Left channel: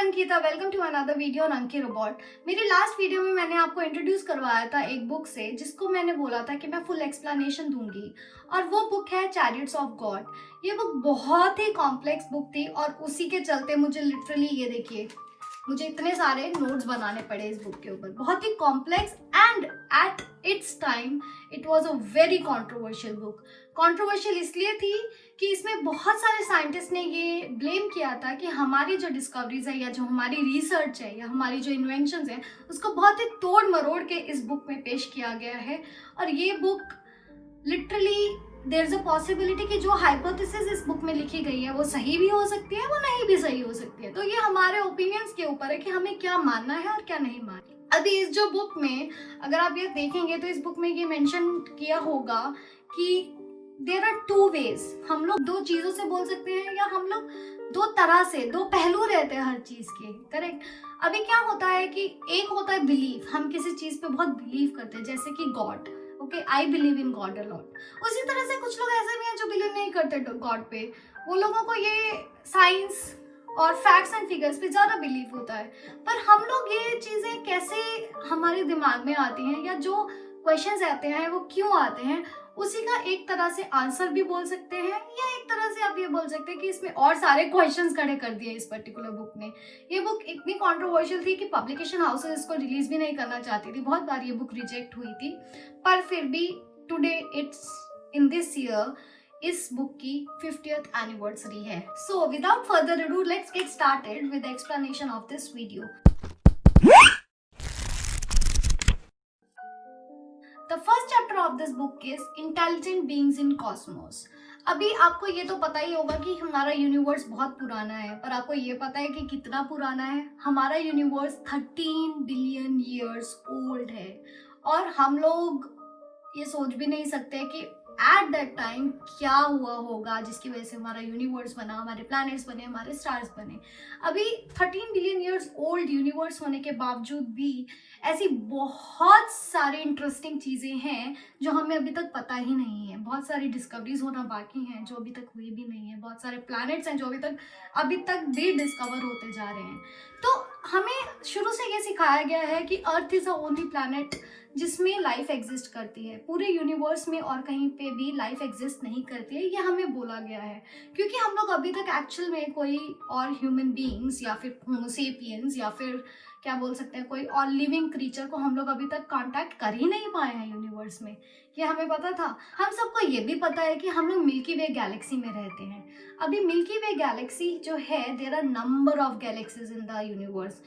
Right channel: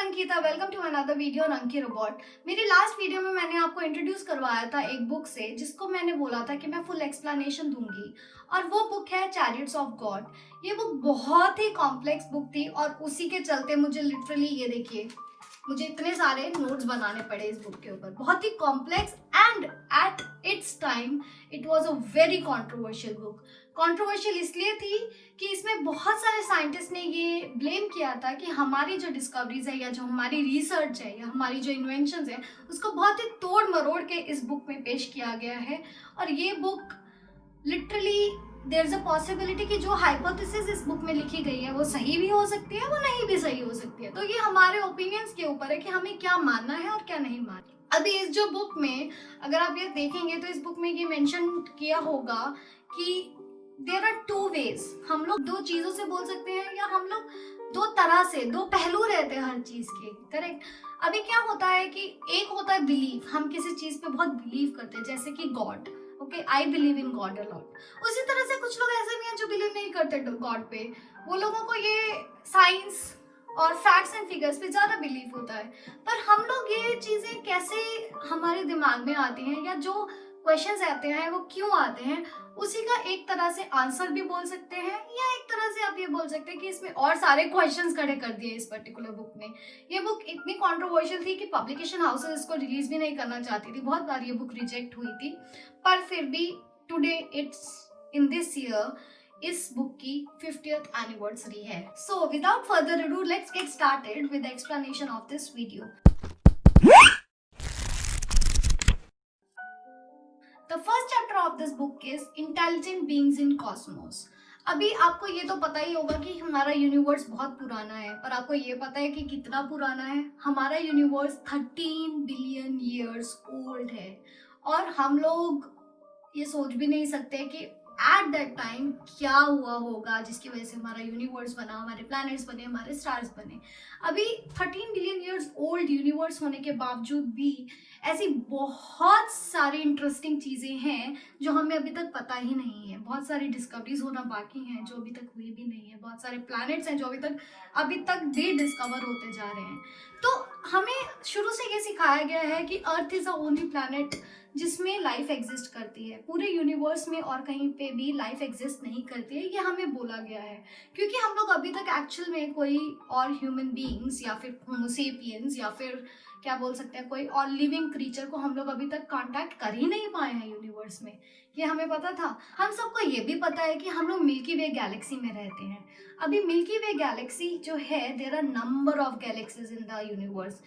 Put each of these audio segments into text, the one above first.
Ankita, welcome to another video on Anki robot. मेरी last video में मैंने आपको इंट्रोड्यूस करवाया था एक बुक से, जिसको मैंने बोला था कि मैं फुल एक्सप्लेनेशन दूंगी, और वो बुक है चैरियट्स ऑफ गॉड। ये बुक बहुत ही कॉम्प्लेक्स बुक थी और उसी के चलते मुझे लिटरली ये देखिए, मुझे इतने सारे नोट्स बनाने पड़े इस बुक के ऊपर। बहुत ही complex and at its time it was a very controversial book. Controversial इसलिए थी कि इसमें बहुत सारे साइंटिस्ट ने ये ब्लेम किया था कि हमारी जो डिस्कवरीज है या जो हमारी रिसर्च है या हमारी जो इन्वेंशंस है उसको बहुत ही तोड़ मरोड़ के इस बुक में पेश किया गया है। और ये book literally there is a possibility कि जो हाइपोथेसिस इस बुक में लिखी गई है वो सही भी हो सकती है, वो नहीं भी सही हो सकती है। तो ये हमारे ओपिनियंस के ऊपर है कि हमें क्या मानना है और क्या नहीं मानना। अभी इस जो बुक में अगर आप ये देखेंगे तो इस बुक में ये मेंशन किया होगा कि देयर आर टू वेज। हम लोग दो चीजों से बोल सकते हैं या हम लोग दो तरह से, दो पहलू रहते हैं हर चीज के, करेक्ट। अभी क्या होता है कि एक होता है बिलीव, हम किसी चीज पे बहुत बिलीव करते हैं, जैसे कि God. Okay, I believe in God a lot. उसी तरह से कुछ लोग ऐसे भी हैं जो बिलीव नहीं करते गॉड पे। वो लोगों को ये साइंस और फैक्ट्स एंड फिगर्स पे ज्यादा बिलीव होता है। पर हम लोग ये चीजें कैसे हमारे दिमाग में आती हैं या जो क्वेश्चंस आते हैं वो क्यों आते हैं, उसी का एक तरह से आंसर भी बोल सकते हैं, या एक तरह से आप ये बोल सकते हैं कि इसमें और सारे क्वेश्चंस खड़े कर दिए इस पर्टिकुलर बुक ने। ये बुक इतनी कंट्रोवर्शियल थी कि पब्लिकेशन हाउसेस इसको रिलीज भी नहीं करना चाहती थी। बहुत बार ये बुक रिजेक्ट हुई थी, पर फिर भी today it's in this year इस बुक की 50th एनिवर्सरी है। So without further ado let's get started with the explanation of this video. The first chapter of this book is Intelligent Beings in Cosmos. अभी आपको ये तो पता ही होगा कि हमारा यूनिवर्स बहुत पुराना है, पर आपको ये पता है कि कितना पुराना है? हमारा यूनिवर्स 13 बिलियन ईयर्स ओल्ड है, और हम लोग ये सोच भी नहीं सकते कि एट दैट टाइम क्या हुआ होगा जिसकी वजह से हमारा यूनिवर्स बना, हमारे प्लैनेट्स बने, हमारे स्टार्स बने। अभी 13 बिलियन ईयर्स ओल्ड यूनिवर्स होने के बावजूद भी ऐसी बहुत सारी इंटरेस्टिंग चीजें हैं जो हमें अभी तक पता ही नहीं है। बहुत सारी डिस्कवरीज होना बाकी हैं जो अभी तक हुई भी नहीं है। बहुत सारे प्लैनेट्स हैं जो अभी तक भी डिस्कवर होते जा रहे हैं। तो हमें शुरू से ये सिखाया गया है कि earth is the only planet जिसमें लाइफ एग्जिस्ट करती है। पूरे यूनिवर्स में और कहीं पे भी लाइफ एग्जिस्ट नहीं करती है, ये हमें बोला गया है। क्योंकि हम लोग अभी तक एक्चुअल में कोई और ह्यूमन बीइंग्स या फिर होमो सेपियंस या फिर क्या बोल सकते हैं कोई और लिविंग क्रीचर को हम लोग अभी तक कांटेक्ट कर ही नहीं पाए हैं यूनिवर्स में। ये हमें पता था। हम सबको ये भी पता है कि हम लोग मिल्की वे गैलेक्सी में रहते हैं। अभी मिल्की वे गैलेक्सी जो है, there are number of galaxies in the universe.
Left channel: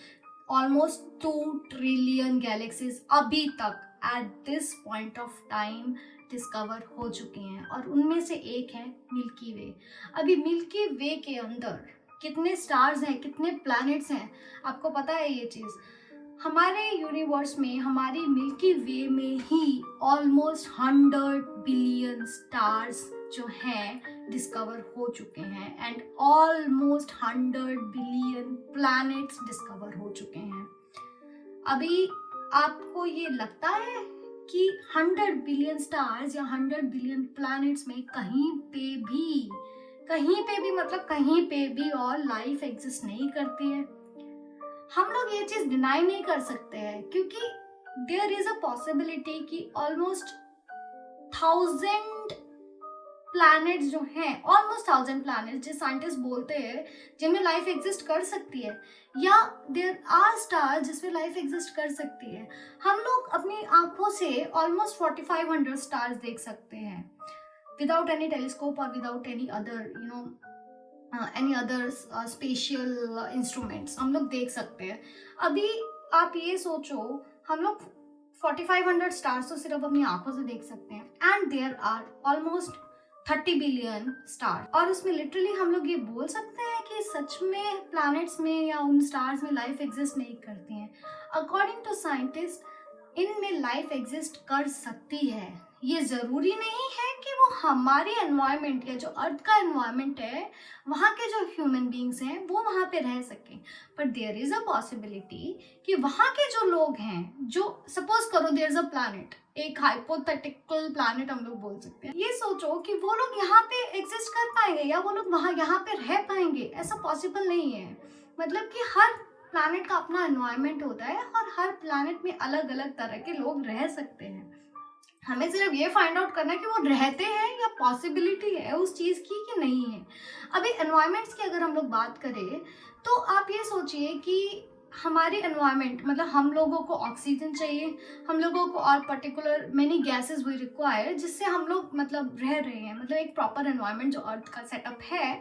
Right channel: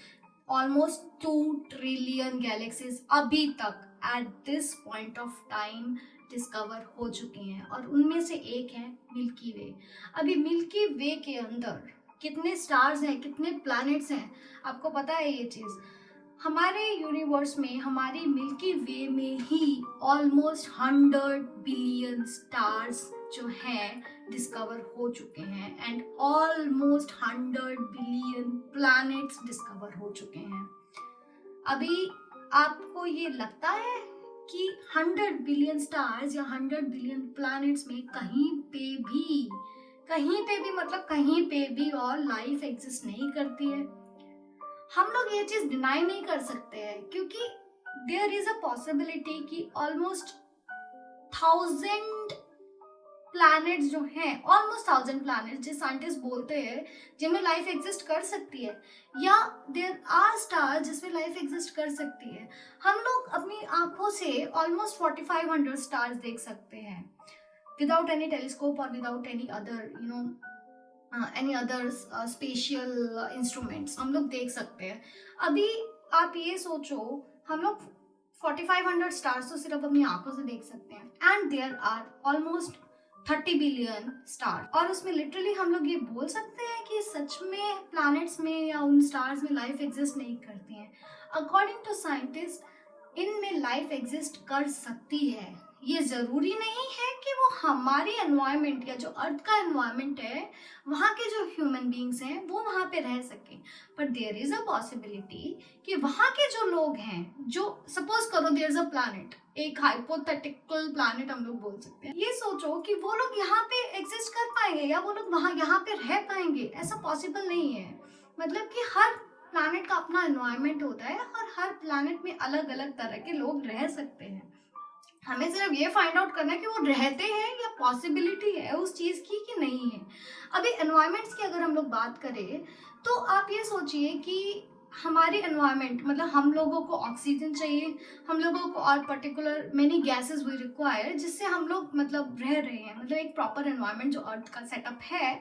Almost 2 trillion galaxies अभी तक at this point of time discover हो चुके हैं, और उनमें से एक है मिल्की वे। अभी मिल्की वे के अंदर कितने स्टार्स हैं, कितने प्लैनेट्स हैं, आपको पता है ये चीज? हमारे यूनिवर्स में, हमारी मिल्की वे में ही ऑलमोस्ट 100 बिलियन स्टार्स जो हैं डिस्कवर हो चुके हैं, and almost 100 billion planets discover हो चुके हैं। अभी आपको ये लगता है कि 100 बिलियन स्टार्स या 100 बिलियन प्लैनेट्स में कहीं पे भी मतलब कहीं पे भी और लाइफ एग्जिस्ट नहीं करती है? हम लोग ये चीज डिनाई नहीं कर सकते हैं, क्योंकि देयर इज अ पॉसिबिलिटी कि ऑलमोस्ट 1000 प्लैनेट्स जो हैं, ऑलमोस्ट 1000 प्लैनेट्स जो साइंटिस्ट बोलते हैं जिनमें लाइफ एग्जिस्ट कर सकती है, या देयर आर स्टार्स जिसमें लाइफ एग्जिस्ट कर सकती है। हम लोग अपनी आंखों से ऑलमोस्ट 4500 स्टार्स देख सकते हैं without any telescope or without any other spatial instruments हम लोग देख सकते हैं। अभी आप ये सोचो, हम लोग 4500 स्टार्स तो सिर्फ अपनी आंखों से देख सकते हैं, and there are almost 30 billion star, और उसमें लिटरली हम लोग ये बोल सकते हैं कि सच में प्लैनेट्स में या उन स्टार्स में लाइफ एग्जिस्ट नहीं करती हैं। अकॉर्डिंग टू साइंटिस्ट इनमें लाइफ एग्जिस्ट कर सकती है। ये जरूरी नहीं है कि वो हमारे एनवायरमेंट या जो अर्थ का एनवायरमेंट है वहाँ के जो ह्यूमन बींग्स हैं वो वहाँ पे रह सकें, पर देयर इज अ पॉसिबिलिटी कि वहाँ के जो लोग हैं, जो सपोज करो देयर इज अ प्लैनेट, एक हाइपोथेटिकल प्लैनेट हम लोग बोल सकते हैं, ये सोचो कि वो लोग यहाँ पे एग्जिस्ट कर पाएंगे या वो लोग वहाँ यहाँ पे रह पाएंगे। ऐसा पॉसिबल नहीं है। मतलब कि हर प्लैनेट का अपना एनवायरनमेंट होता है और हर प्लैनेट में अलग अलग तरह के लोग रह सकते हैं। हमें सिर्फ ये फाइंड आउट करना है कि वो रहते हैं या पॉसिबिलिटी है उस चीज़ की कि नहीं है। अभी एनवायरनमेंट्स की अगर हम लोग बात करें तो आप ये सोचिए कि हमारे एनवायरनमेंट मतलब हम लोगों को ऑक्सीजन चाहिए, हम लोगों को और particular many gases we require जिससे हम लोग मतलब रह रहे हैं, मतलब एक प्रॉपर एनवायरनमेंट जो अर्थ का सेटअप है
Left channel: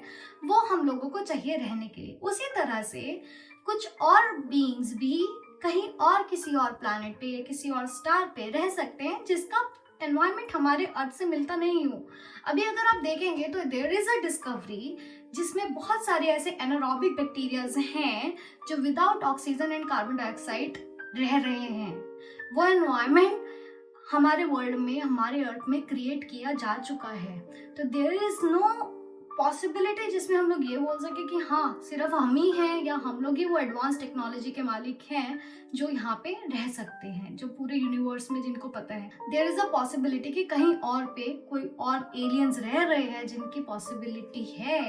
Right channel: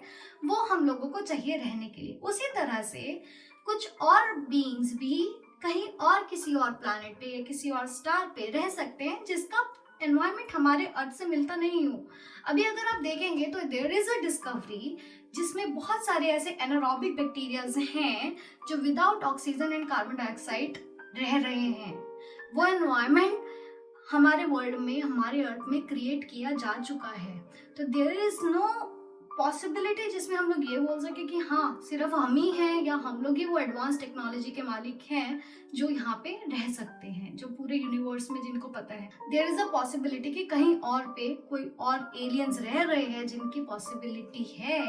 वो हम लोगों को चाहिए रहने के लिए। उसी तरह से कुछ और बीइंग्स भी कहीं और किसी और प्लैनेट पे या किसी और स्टार पे रह सकते हैं जिसका एनवायरनमेंट हमारे अर्थ से मिलता नहीं हो। अभी अगर आप देखेंगे तो देयर इज अ डिस्कवरी जिसमें बहुत सारे ऐसे एनारोबिक बैक्टीरियाज हैं जो without oxygen and carbon dioxide रह रहे हैं। वो एनवायरनमेंट हमारे वर्ल्ड में, हमारे अर्थ में क्रिएट किया जा चुका है। तो देयर इज नो पॉसिबिलिटी जिसमें हम लोग ये बोल सके कि हाँ सिर्फ हम ही हैं या हम लोग ही वो एडवांस टेक्नोलॉजी के मालिक हैं जो यहाँ पे रह सकते हैं, जो पूरे यूनिवर्स में जिनको पता है। देयर इज अ पॉसिबिलिटी कि कहीं और पे कोई और एलियंस रह रहे हैं जिनकी पॉसिबिलिटी है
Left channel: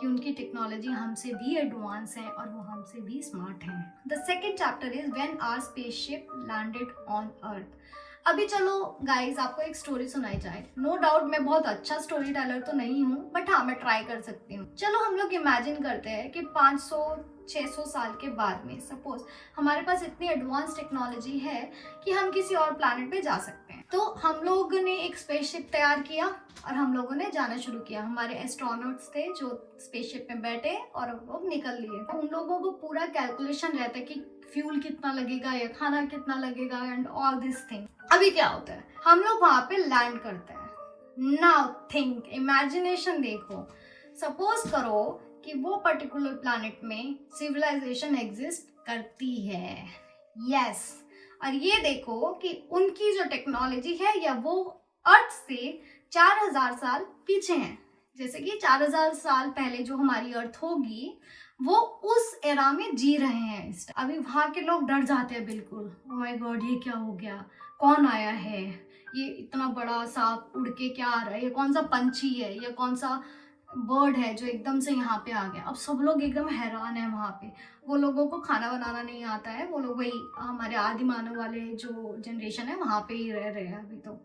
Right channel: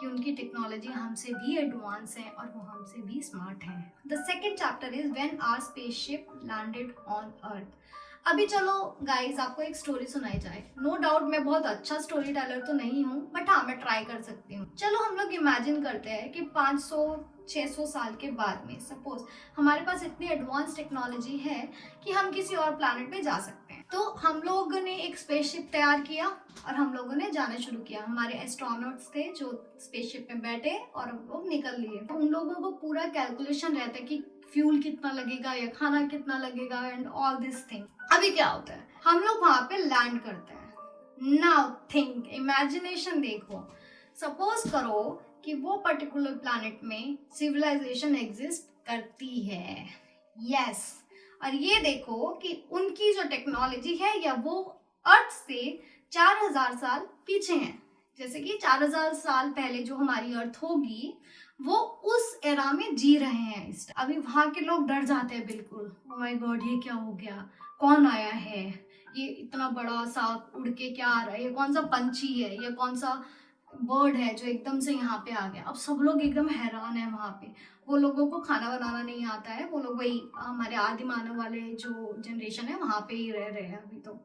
कि उनकी टेक्नोलॉजी हमसे भी एडवांस है और वो हमसे भी स्मार्ट है। The second chapter is when our spaceship landed on earth. अभी चलो गाइस आपको एक स्टोरी सुनाई जाए। नो डाउट मैं बहुत अच्छा स्टोरी टेलर तो नहीं हूँ बट हाँ मैं ट्राई कर सकती हूँ। चलो हम लोग इमेजिन करते हैं कि 500-600 साल के बाद में सपोज हमारे पास इतनी एडवांस टेक्नोलॉजी है कि हम किसी और प्लैनेट पे जा सकते हैं। तो हम लोग ने एक स्पेसशिप तैयार किया और हम लोगों ने जाना शुरू किया। हमारे एस्ट्रोनॉट्स थे जो स्पेसशिप में बैठे और हम लोग निकल लिए। उन लोगों को पूरा कैलकुलेशन रहता है कि फ्यूल कितना लगेगा या खाना कितना लगेगा एंड ऑल दिस थिंग। अभी क्या होता है, हम लोग वहां पे लैंड करते हैं। नाउ थिंक, इमेजिनेशन देखो, सपोज करो कि वो पर्टिकुलर प्लैनेट में सिविलाइजेशन एग्जिस्ट करती है। यस, और ये देखो कि उनकी जो टेक्नोलॉजी है या वो अर्थ से 4000 साल पीछे है। जैसे कि 4000 साल पहले जो हमारी अर्थ होगी वो उस एरा में जी रहे हैं। अभी वहां के लोग डर जाते हैं बिल्कुल, ओह माय गॉड ये क्या हो गया, कौन आया है, ये इतना बड़ा सा उड़ के क्या आ रहा है, ये कौन सा पंछी है या कौन सा बर्ड है जो एकदम से यहाँ पे आ गया। अब सब लोग एकदम हैरान है वहाँ पे। वो लोगों को खाना बनाना नहीं आता है, वो लोग वही हमारे आदि मानव वाले जो जनरेशन है वहाँ पे ही रह रहे हैं अभी। तो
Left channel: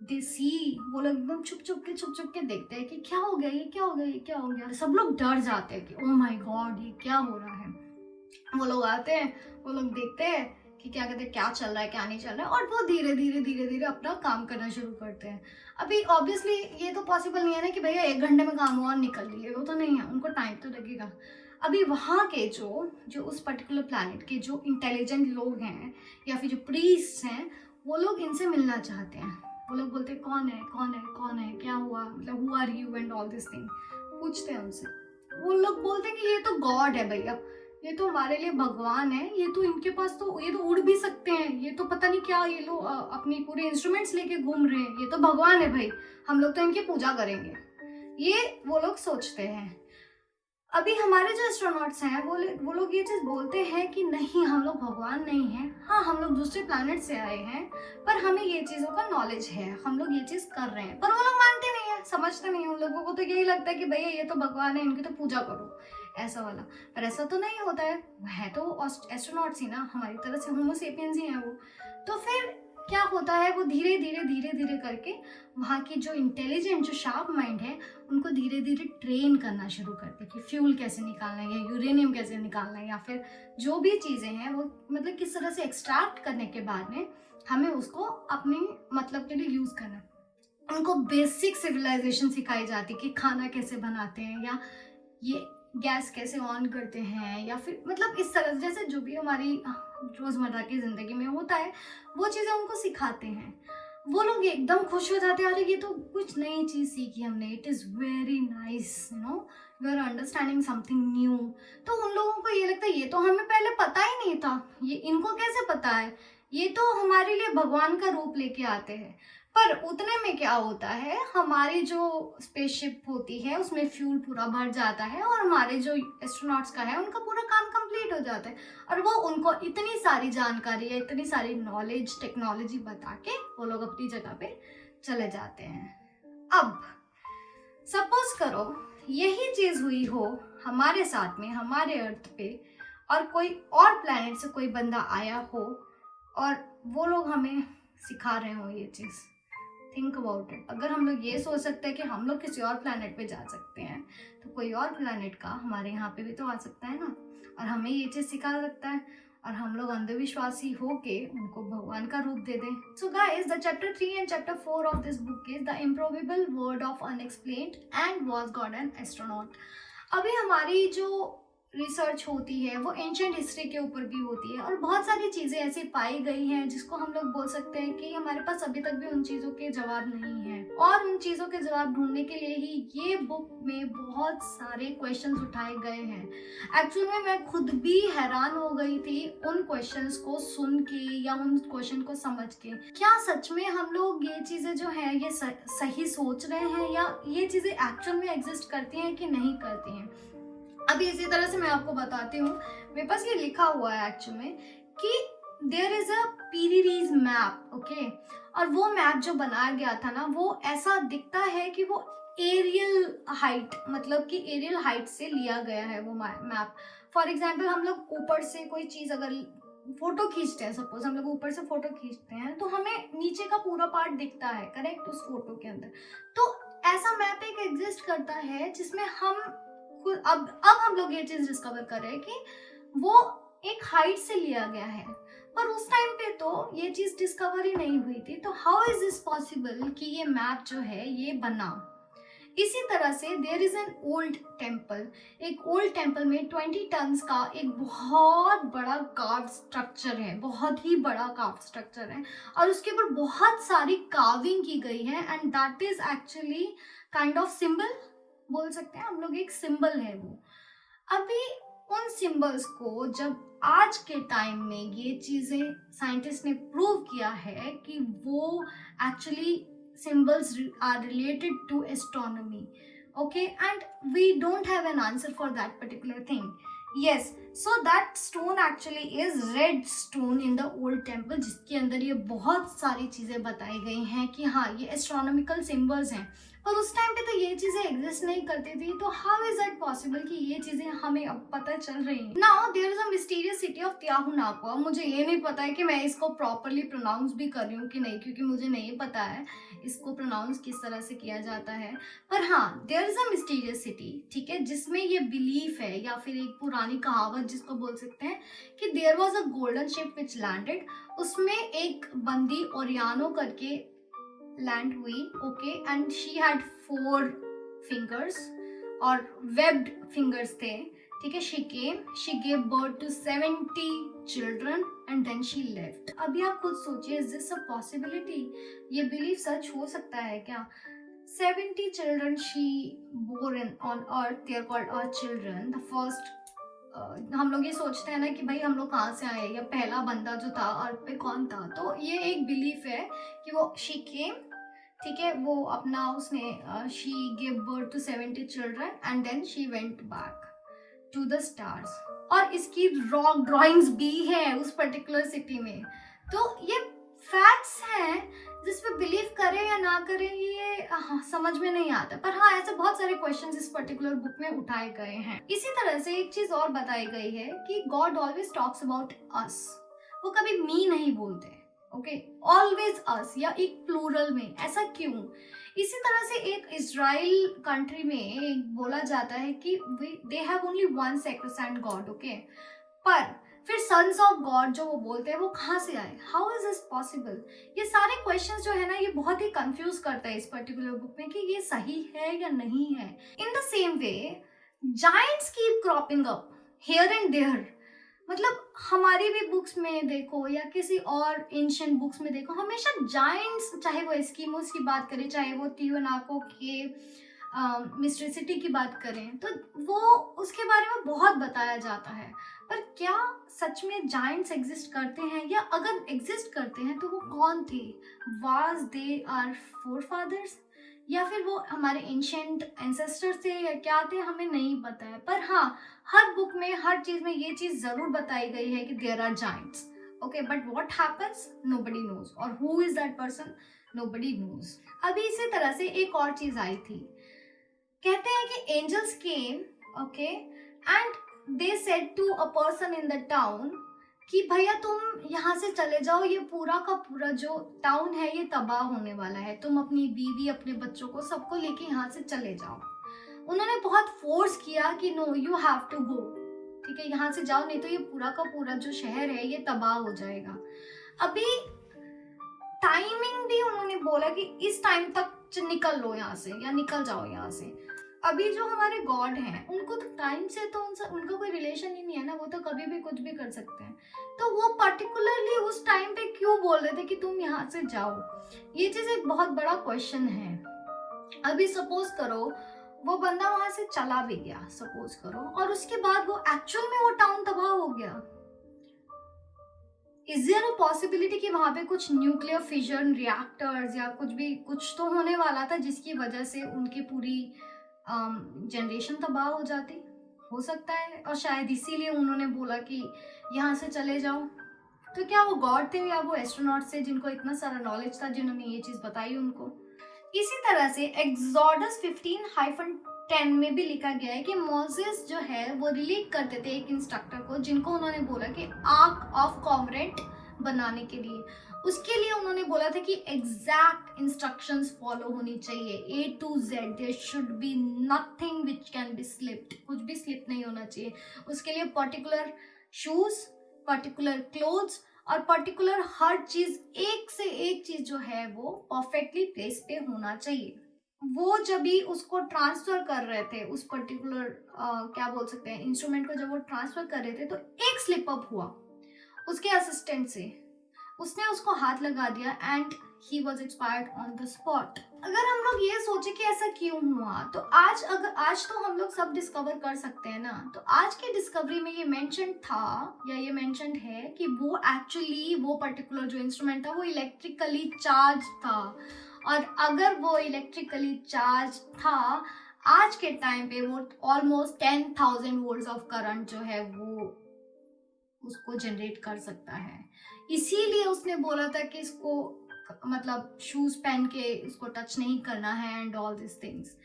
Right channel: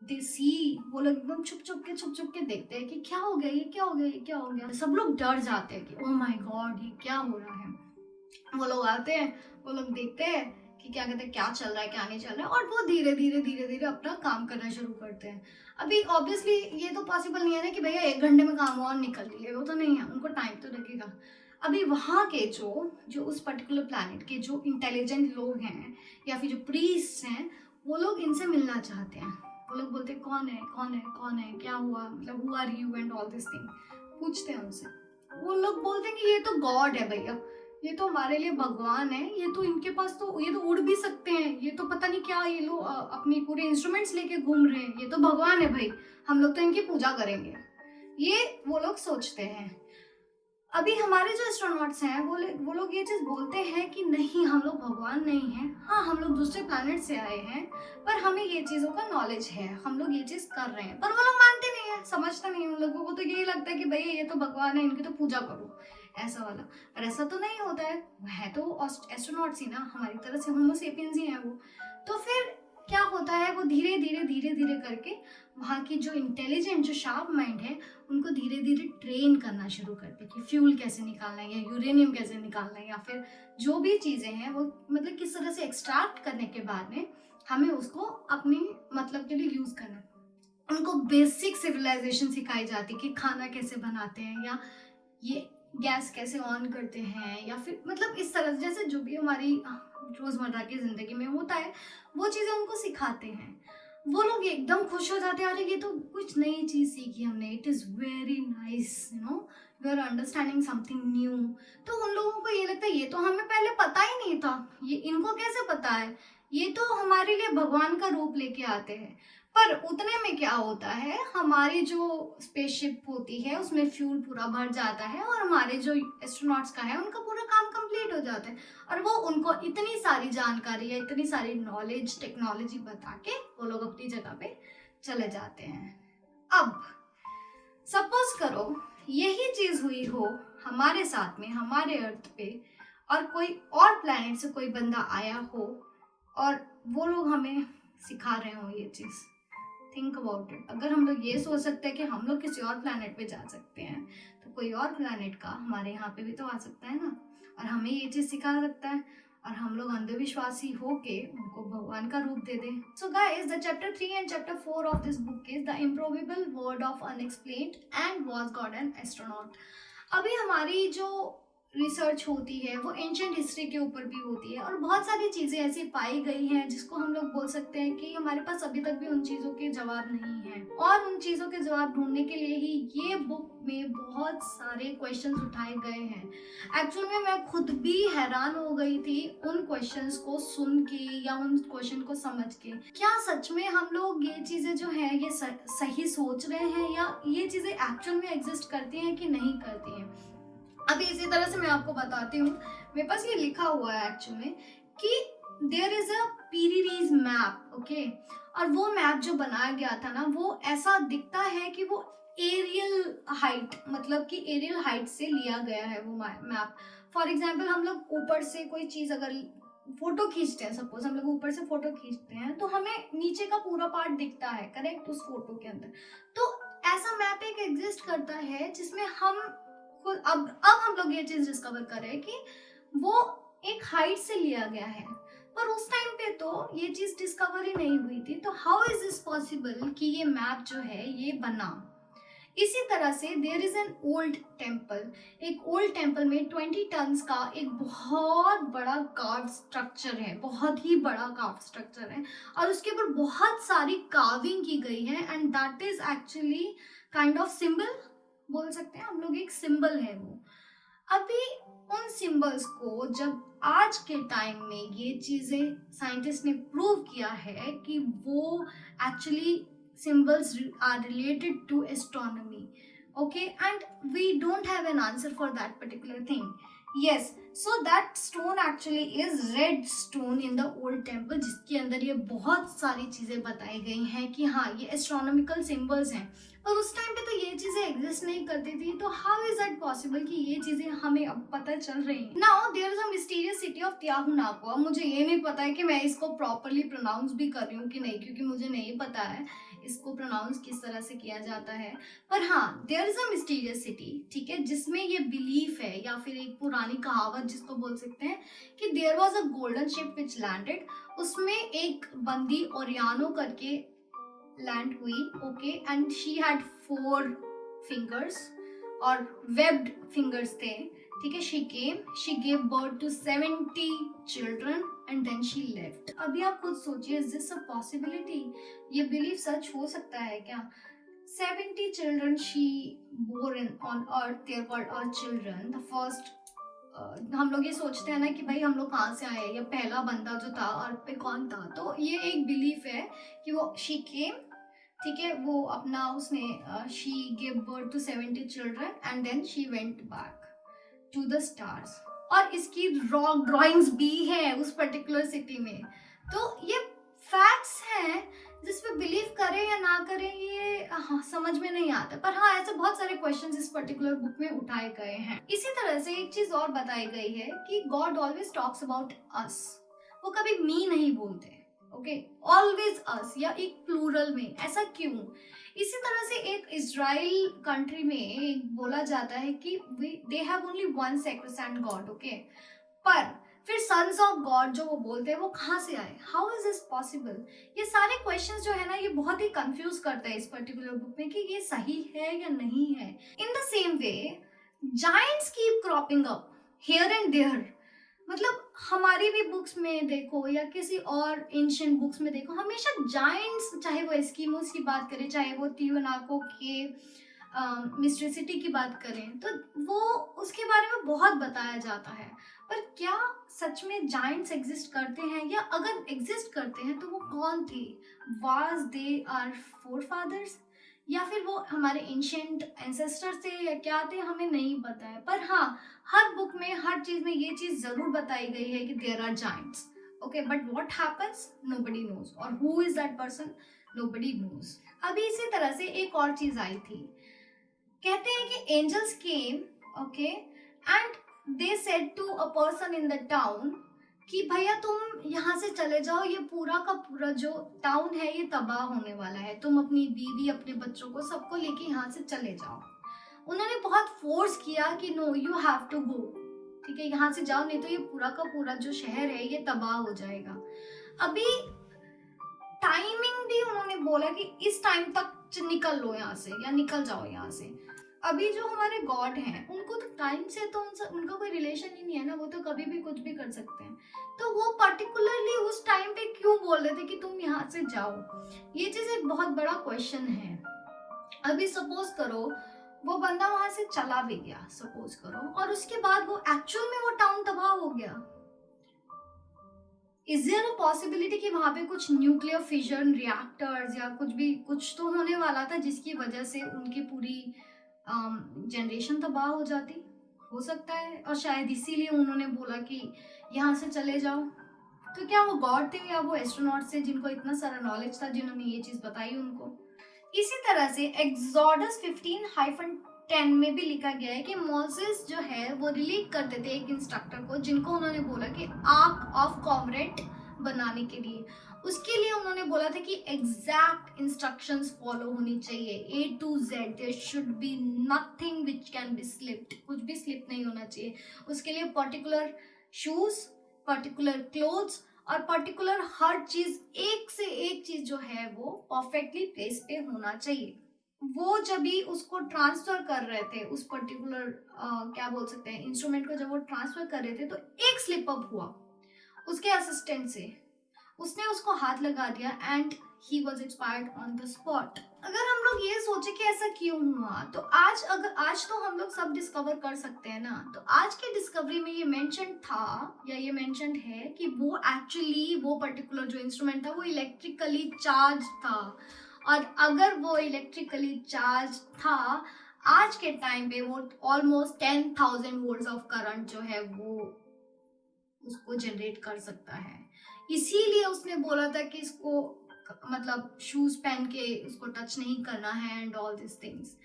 देसी वो लोग एकदम छुप छुप के देखते हैं कि क्या हो गया, ये क्या हो गया, ये क्या हो गया। सब लोग डर जाते हैं कि ओह माय गॉड ये क्या हो रहा है। वो लोग आते हैं, वो लोग देखते हैं कि क्या कहते हैं, क्या चल रहा है क्या नहीं चल रहा है, और वो धीरे धीरे अपना काम करना शुरू करते हैं। अभी ऑब्वियसली ये तो पॉसिबल नहीं है ना कि भैया 1 घंटे में काम और निकल लिए, वो तो नहीं है, उनको टाइम तो लगेगा। अभी वहाँ के जो उस पर्टिकुलर प्लैनेट के जो इंटेलिजेंट लोग हैं या फिर जो प्रीस्ट हैं वो लोग इनसे मिलना चाहते हैं। वो लोग बोलते हैं कौन है कौन है कौन है, क्या हुआ, मतलब who are you and all this thing पूछते हैं उनसे। वो लोग बोलते हैं कि ये तो गॉड है भैया, ये तो हमारे लिए भगवान है, ये तो इनके पास तो ये तो उड़ भी सकते हैं, ये तो पता नहीं क्या ये लोग अपनी पूरे इंस्ट्रूमेंट्स लेके घूम रहे हैं, ये तो भगवान है भाई, हम लोग तो इनकी पूजा करेंगे। ये वो लोग सोचते हैं। अभी हमारे जो एस्ट्रोनॉट्स हैं वो लोग ये चीज बोलते हैं कि नहीं हम लोग भगवान नहीं हैं, हाँ हम लोग दूसरे प्लैनेट से आए हैं पर हमें ये चीजों का नॉलेज है, हम लोग ये चीज कर रहे हैं। पर वो लोग मानते नहीं है, समझते नहीं है। उन लोगों को तो यही लगता है कि भैया ये तो भगवान है, इनकी तो पूजा करो, ऐसा वाला। पर ऐसा तो नहीं होता है तो एस्ट्रोनॉट्स ही ना, हमारी तरह से होमो सेपियंस ही हैं वो। तो फिर क्या होता है, वो धीरे धीरे करके वहाँ की जो इंटेलिजेंट जो शार्प माइंड है उनको धीरे धीरे ट्रेन करना शुरू करते हैं कि फ्यूल कैसे निकालना है या यूरेनियम कैसे निकालना है या फिर जो भी चीज़ें हैं वो मतलब किस तरह से एक्सट्रैक्ट करने के बाद में हमें उसको अपने मतलब के लिए यूज़ करना है। उनको बेसिक सिविलाइजेशन सिखाई जाती है कि खाना कैसे बनाते हैं या ये गैस कैसे ऑन करते हैं या फिर मतलब इस तरह जैसे जो भी हमारी रोज़मर्रा की ज़िंदगी में होता है वो चीज़ें उनको सिखाते हैं। वो लोग एकदम खुश हो जाते हैं, अरे ये तो कुछ नई चीज़ सीखी हमने, it is very nice, you know we are understanding something new. तो उन लोगों को ये लगता है ये तो हमें पहले पता ही नहीं था, ये इनको कैसे पता है, ये तो हमारे लिए भगवान का रूप लेके आते हैं। पर उतने में क्या होता है, हमारी जो स्पेसशिप होती है उसमें फ्यूल पूरा भर जाता है और हमारे जो एस्ट्रोनॉट्स का है उनका पूरा काम कंप्लीट हो जाता है और वो उनको इतनी सारी जानकारी या इतनी सारी नॉलेज टेक्नोलॉजी बता के वो लोग अपनी जगह पे चले जाते हैं। अब सपोज करो यही चीज हुई हो हमारे साथ में, हमारे अर्थ पे, और कोई और प्लैनेट से कोई बंदा आया हो और वो लोग हमें सिखा रहे हो ये चीज़। Think about it. अगर हम लोग ये सोच सकते हैं कि हम लोग किसी और प्लैनेट पे जा सकते हैं, तो कोई और प्लैनेट का हमारे यहाँ पे भी तो आ सकता है ना, और हमें ये चीज़ सिखा सकता है, और हम लोग अंधविश्वासी होके उनको भगवान का रूप दे दें। So guys, the chapter 3 and chapter 4 of this book is the improbable word of unexplained and was God an astronaut. अभी हमारी जो रिसर्च होती है वो एंशिएंट हिस्ट्री के ऊपर भी होती है, और बहुत सारी चीज़ें ऐसी पाई गई हैं जिसको हम लोग बोल सकते हैं कि हमारे पास अभी तक भी उन चीज़ों के जवाब नहीं है, और उन चीज़ों के जवाब ढूंढने के लिए ही ये बुक में बहुत सारे क्वेश्चंस उठाए गए हैं। एक्चुअल में मैं खुद भी हैरान हो गई थी उन क्वेश्चंस को सुन के या उन क्वेश्चन को समझ के। क्या सच में हम लोग ये चीज़ें जो है ये सही सोच रहे हैं, या ये चीज़ें एक्चुअल में एग्जिस्ट करती हैं कि नहीं करती हैं। अभी इसी तरह से मैं आपको बताती हूँ, मेरे पास ये लिखा हुआ है एक्चुअल में कि there is a Piri Reis map, okay, और वो मैप जो बनाया गया था ना, वो ऐसा दिखता है कि वो एरियल हाइट, मतलब कि एरियल हाइट से लिया गया है वो मैप। फॉर एग्जाम्पल, हम लोग ऊपर से कोई चीज अगर फोटो खींचते हैं, सपोज हम लोग ऊपर से फोटो खींचते हैं, तो हमें नीचे का पूरा पार्ट दिखता है, करेक्ट, उस फोटो के अंदर। तो ऐसा मैप एक एग्जिस्ट करता है जिसमें हम अब हम लोग ये चीज डिस्कवर कर रहे हैं कि वो एक हाइट से लिया गया है, पर उस टाइम पे तो ये चीज डिस्कवर ही नहीं हुई थी। तो हाउ इज दिस पॉसिबल कि ये मैप जो है ये बना। इसी तरह से there is an old temple, एक ओल्ड टेम्पल में 20 टन्स का एक बहुत बड़ा कार्व स्ट्रक्चर है, बहुत ही बड़ा कार्व स्ट्रक्चर है, और उसके ऊपर बहुत सारी कार्विंग की गई है, and that is actually kind of symbol बोल सकते हैं हम लोग, एक सिंबल है वो। अभी उन सिंबल्स को जब आज के टाइम में ये चीजें साइंटिस्ट ने प्रूव किया है कि वो actually symbols are related to astronomy, okay, and we don't have an answer for that particular thing. Yes, so that stone actually is red stone in the old temple, जिसके अंदर ये बहुत सारी चीजें बताई गई हैं कि हाँ ये एस्ट्रोनॉमिकल सिंबल्स हैं, पर उस टाइम पे तो ये चीजें एग्जिस्ट नहीं करती थी। तो हाउ इज दैट पॉसिबल कि ये चीजें हमें अब पता चल रही हैं। Now there is a mysterious city of Tiahuanaco. मुझे ये नहीं पता है कि मैं इसको प्रॉपरली प्रोनाउंस भी कर रही हूँ कि नहीं, क्योंकि मुझे नहीं पता है इसको प्रोनाउंस किस तरह से किया जाता है। पर हाँ, there is a mysterious city, ठीक है, जिसमें ये बिलीफ है या फिर एक पुरानी कहावत जिसको बोल सकते हैं कि there was a golden ship which landed. उसमें एक बंदी ओरियानो करके लैंड हुई, okay, and she had 4 fingers और वेब्ड फिंगर्स थे, ठीक है। She gave birth to 70 children and then she left. अभी आप खुद सोचिए, इज दिस अ पॉसिबिलिटी, ये बिलीफ सच हो सकता है क्या। 70 children she bore on earth, they are called our children. The first, हम लोग ये सोचते हैं ना कि भाई हम लोग कहाँ से आए, या पहला बंदा जो था अर्थ पे कौन था। तो ये एक बिलीफ है कि वो शी केम, ठीक है, वो अपना उसने she give birth to 70 children and then she went back to the stars. और इसकी रॉक ड्राइंग्स भी है उस पर्टिकुलर सिटी में। तो ये फैक्ट्स हैं जिस पे बिलीव करें या ना करें ये समझ में नहीं आता। पर हाँ, ऐसे बहुत सारे क्वेश्चंस इस पर्टिकुलर बुक में उठाए गए हैं। इसी तरह से एक चीज और बताई गई है कि God always talks about us, वो कभी मी नहीं बोलते, ओके, ऑलवेज अस, या एक प्लूरल में। ऐसा क्यों। इसी तरह से एक इजराइल कंट्री में एक बोला जाता है कि they have only one sacrosanct God, okay, पर फिर सन्स ऑफ गॉड जो वो बोलते हैं वो कहाँ से आए, हाउ इज दिस पॉसिबल। ये सारे क्वेश्चंस जो है ना, ये बहुत ही कंफ्यूज करता है इस पर्टिकुलर बुक में कि ये सही है या नहीं है। In the same way giants keep cropping up here and there. मतलब हमारी भी बुक्स में देखो या किसी और एंशिएंट बुक्स में देखो, हमेशा जायंट्स, चाहे वो एस्किमोस की बात करें, चाहे वो तियोनाको के मिस्ट्री सिटी की बात करें, तो वो उसके बारे में बहुत बताया जाता है। पर क्या सच में जायंट्स एग्जिस्ट करते हैं, या अगर एग्जिस्ट करते हैं तो वो कौन थे। वाज दे आर फोरफादर्स, या फिर वो हमारे एंशिएंट एंसेस्टर्स थे, या क्या थे, हमें नहीं पता है। पर हाँ, हर बुक में हर चीज में ये चीज जरूर बताई गई है कि there are giants, okay, but what happens nobody knows, और who is that person nobody knows. अभी इसी तरह से एक और चीज आई थी, कहते हैं कि angels came, okay, and they said to a person in the town कि भैया तुम यहाँ से चले जाओ, ये पूरा का पूरा जो टाउन है ये तबाह होने वाला है, तुम अपनी बीवी अपने बच्चों को सबको लेके यहाँ से चले जाओ। उन्होंने बहुत फोर्स किया कि no you have to go, ठीक है, यहाँ से जाओ, नहीं तो ये पूरा का पूरा जो शहर है ये तबाह हो जाएगा। अभी टाइमिंग भी उन्होंने बोला कि इस टाइम तक निकल लो यहाँ से या निकल जाओ यहाँ से। अभी जो हमारे गॉड हैं उनको तो टाइम से तो उनका कोई रिलेशन ही नहीं है ना, वो तो कभी भी कुछ भी कर सकते हैं। तो वो पर्टिकुलरली उस टाइम पे क्यों बोल रहे थे कि तुम यहाँ से जाओ, ये चीज एक बहुत बड़ा क्वेश्चन है। अभी सपोज करो वो बंदा वहां से चला भी गया, सपोज करो, और उसके बाद वो एक्चुअल में वो टाउन तबाह हो गया, इज देयर अ पॉसिबिलिटी कि वहां पे कुछ न्यूक्लियर फिजन रिएक्टर्स या कुछ तो होने वाला था जिसकी वजह से उनकी पूरी जनरेशन तबाह हो जाती, हो सकता है। और शायद इसीलिए उन्होंने बोला कि यहाँ से चले जाओ। तो क्या वो गॉड थे या वो एस्ट्रोनॉट थे जिनको इतना सारा नॉलेज था जिन्होंने ये चीज बताई उनको। इसी तरह से एक्सोडस 15:10 में भी लिखा गया है कि मोसेस जो है वो रिलीव करते थे एक इंस्ट्रक्टर को, जिनको उन्होंने बोला कि आर्क ऑफ कॉमरेट बनाने के लिए, उसके लिए उन्होंने बोला था कि एग्जैक्ट इंस्ट्रक्शंस फॉलो होनी चाहिए, A to Z, there should be nothing which can be slipped, कुछ भी स्लिप नहीं होना चाहिए। उसके लिए पर्टिकुलर शूज, पर्टिकुलर क्लोथ्स और पर्टिकुलर हर चीज, एक से एक चीज जो है वो परफेक्टली प्लेस पे होना चाहिए। वो जब भी उसको ट्रांसफर कर रहे थे उस पर्टिकुलर क्या बोल सकते हैं इंस्ट्रूमेंट को, जब वो ट्रांसफर कर रहे थे तो एक स्लिप अप हुआ उसके असिस्टेंट से, उसने उसको हाथ लगा दिया and he was expired on the spot. अगर हम लोग ये सोचे कि ऐसा क्यों हुआ, तो आज तो हम लोग सब डिस्कवर कर सकते हैं ना। तो आज की डिस्कवरी में ये मेंशन था या ये मेंशन है कि वो एक्चुअली वो पर्टिकुलर जो इंस्ट्रूमेंट था वो इलेक्ट्रिकली चार्ज था, और अगर वो इलेक्ट्रिकली चार्ज था आज के टाइम पे वो ऑलमोस्ट 10,000 वोल्ट्स ऑफ करंट जो है वो उसको जनरेट कर सकता है। इसीलिए उसने बोला था कि इसको मतलब शूज पहन के इसको टच नहीं करना है एंड ऑल दिस थिंग्स।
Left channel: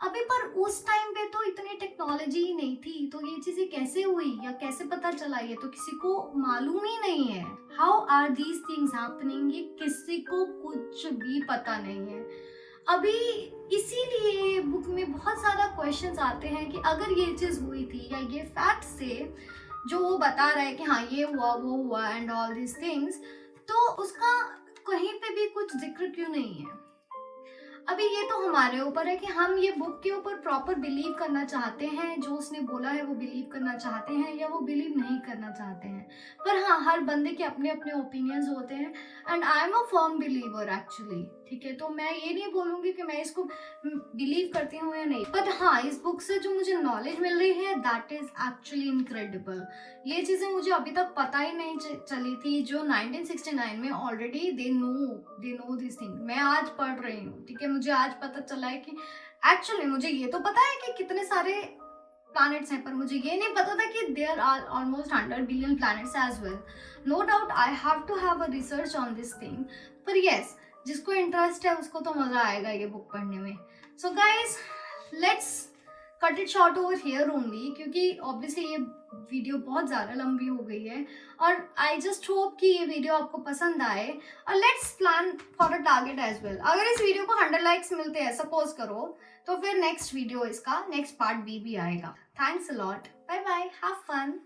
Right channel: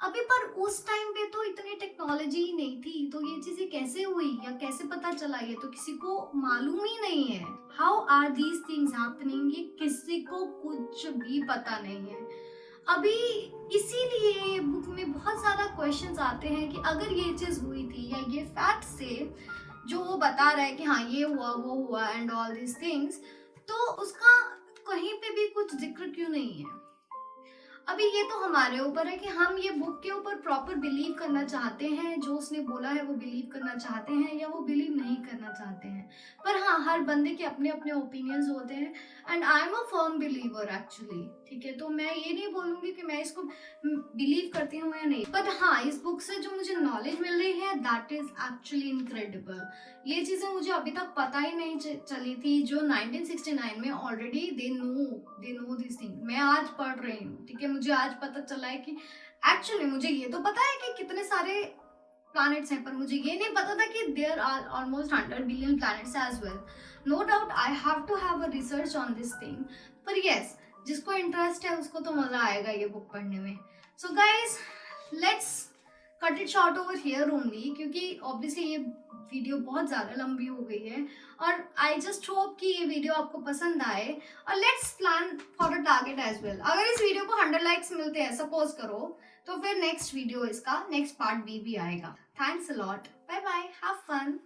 अभी पर उस टाइम पे तो इतनी टेक्नोलॉजी ही नहीं थी, तो ये चीजें कैसे हुई या कैसे पता चला ये तो किसी को मालूम ही नहीं है। How are these things happening, ये किसी को कुछ भी पता नहीं है। अभी इसीलिए बुक में बहुत सारा क्वेश्चंस आते हैं कि अगर ये चीज हुई थी या ये फैक्ट से जो वो बता रहा है कि हाँ ये हुआ वो हुआ एंड ऑल दिस थिंग्स, तो उसका कहीं पे भी कुछ जिक्र क्यों नहीं है। अभी ये तो हमारे ऊपर है कि हम ये बुक के ऊपर प्रॉपर बिलीव करना चाहते हैं, जो उसने बोला है वो बिलीव करना चाहते हैं या वो बिलीव नहीं करना चाहते हैं। पर हाँ, हर बंदे के अपने अपने ओपिनियंस होते हैं and I am a firm believer actually, ठीक है। तो मैं ये नहीं बोलूंगी कि मैं इसको बिलीव करती हूँ या नहीं, बट हाँ इस बुक से जो मुझे नॉलेज मिल रही है दैट इज एक्चुअली इनक्रेडिबल। ये चीजें मुझे अभी तक पता ही नहीं चली थी, जो 1969 में already they know this thing. मैं आज पढ़ रही हूँ, ठीक है, मुझे आज पता चला है कि एक्चुअली मुझे ये तो पता है कि कितने सारे प्लैनेट्स हैं, पर मुझे ये नहीं पता था कि there are almost 100 billion planets as well. No doubt I have to have a research on this thing, पर यस जिसको इंटरेस्ट है उसको तो मजा आएगा ये बुक पढ़ने में। So guys let's cut it short over here only, क्योंकि ऑब्वियसली ये वीडियो बहुत ज़्यादा लंबी हो गई है और आई जस्ट होप कि ये वीडियो आपको पसंद आए और let's plan for a target as well. अगर इस वीडियो को 100 लाइक्स मिलते हैं सपोज करो, तो फिर नेक्स्ट वीडियो इसका नेक्स्ट पार्ट भी आएगा। Thanks a lot, bye bye, have fun.